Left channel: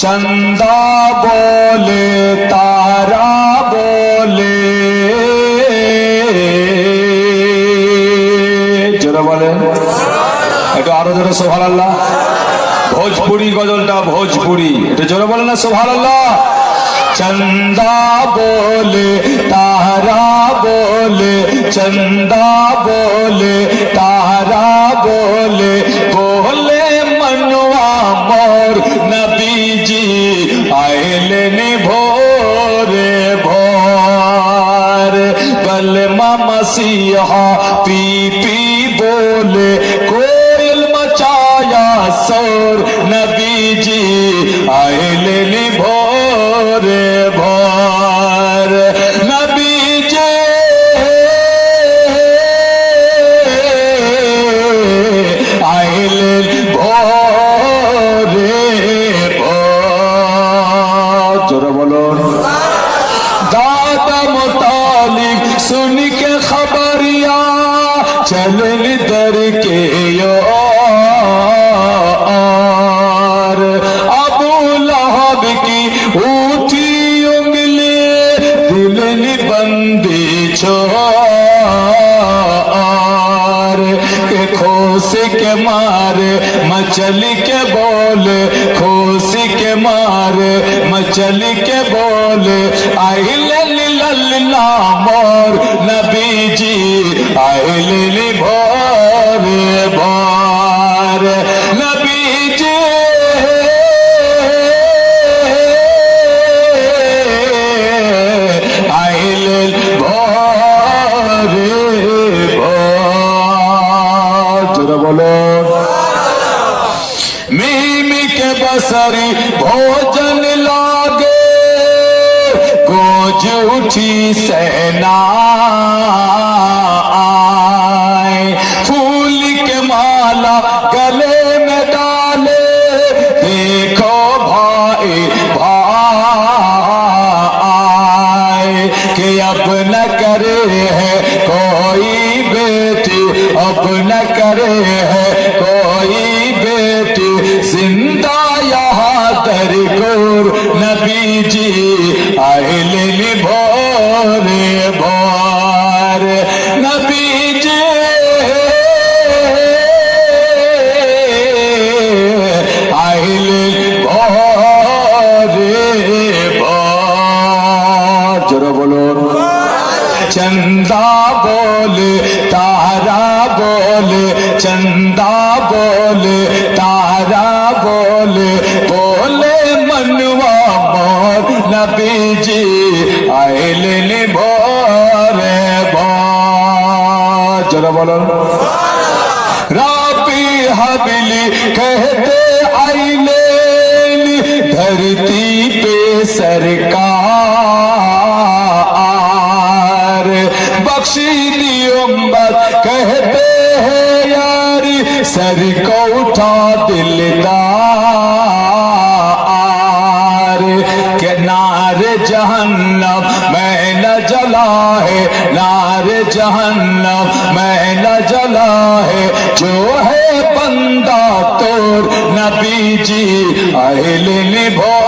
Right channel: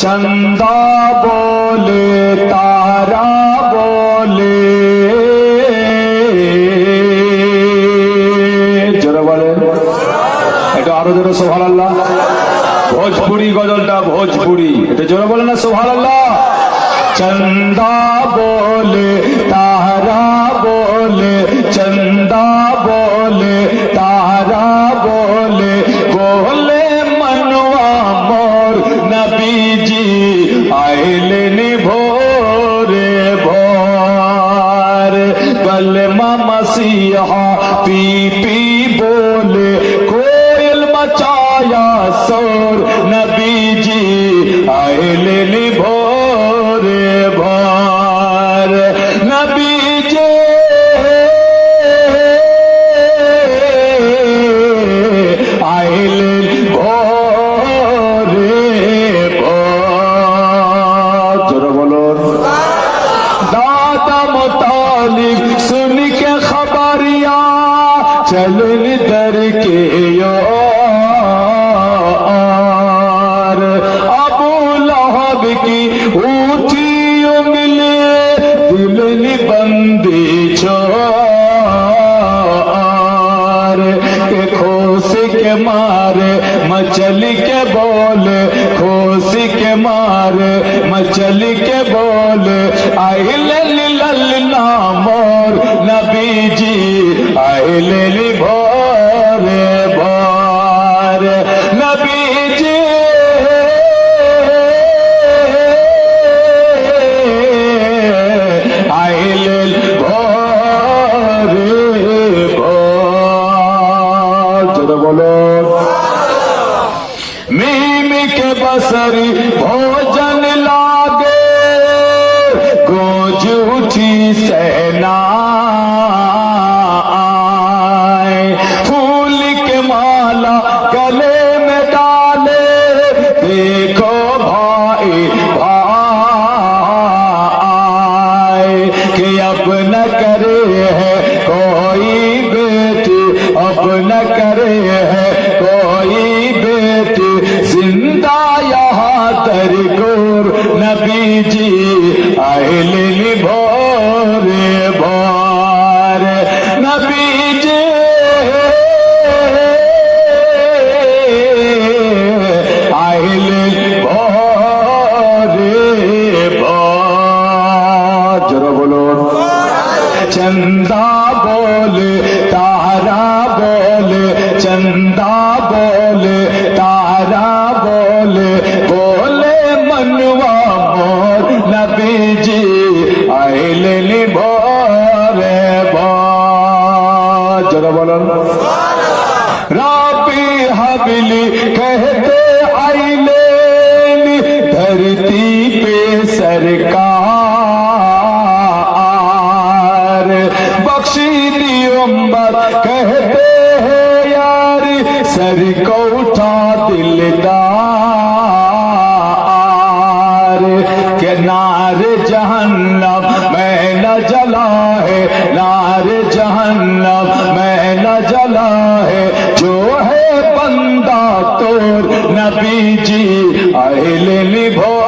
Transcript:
चंदा बोले तारा बोले जोरा बोले এটা আরো জোরে সুবহানাল্লাহ। भोजपुरी गजलटा भोजपुरी এটা জোরে বলে না সুবহানাল্লাহ। चंदा बोले तारा बोले चंदा बोले तारा बोले बोले मनवा मोर नबी जी आइले भोरे भोर कलमा मसीहा पी पी बोले कोयल मचाया शोर नबी जी आइले भोरे भोर नबी जी आइले भोरे भोर जोरा बोलो दादा मुतालिक सुन के खबरिया चलन दर के यार अबू लहब की उठी उंगली दिल निबंदी छोर के खोसी के मारे मछली के बोले खोसी के मारे मछली के बोले आइले ललना मोर नबी जी आइले भोरे भोर नबी जी आइले भोरे भोर जोरा बोलो मीमी के बसरी भोजन लागे गोज उठी सेना फूल के माला गले में डाले देखो भाई भाई कि अब न करे है कोई बेटी अब न करे है कोई बेटी जिंदा यहाँ दरगोर नबी जी आइले भोरे भोर नबी जी आइले भोरे भोर जोरा बोलो चंदा बोले तारा बोले चंदा बोले तारा बोले बोले मनवा मोर नबी जी आइले भोरे भोर जोरा बोलो राबी हबीली कहते आइले धरती पे सरकार बख्शी दी उम्मत कहते हैं यार सर को उठा दिलदार के नारे जहन्नम में न जला है नारे जहन्नम में न जला है जो है बंदा तोर नबी जी आइले भोर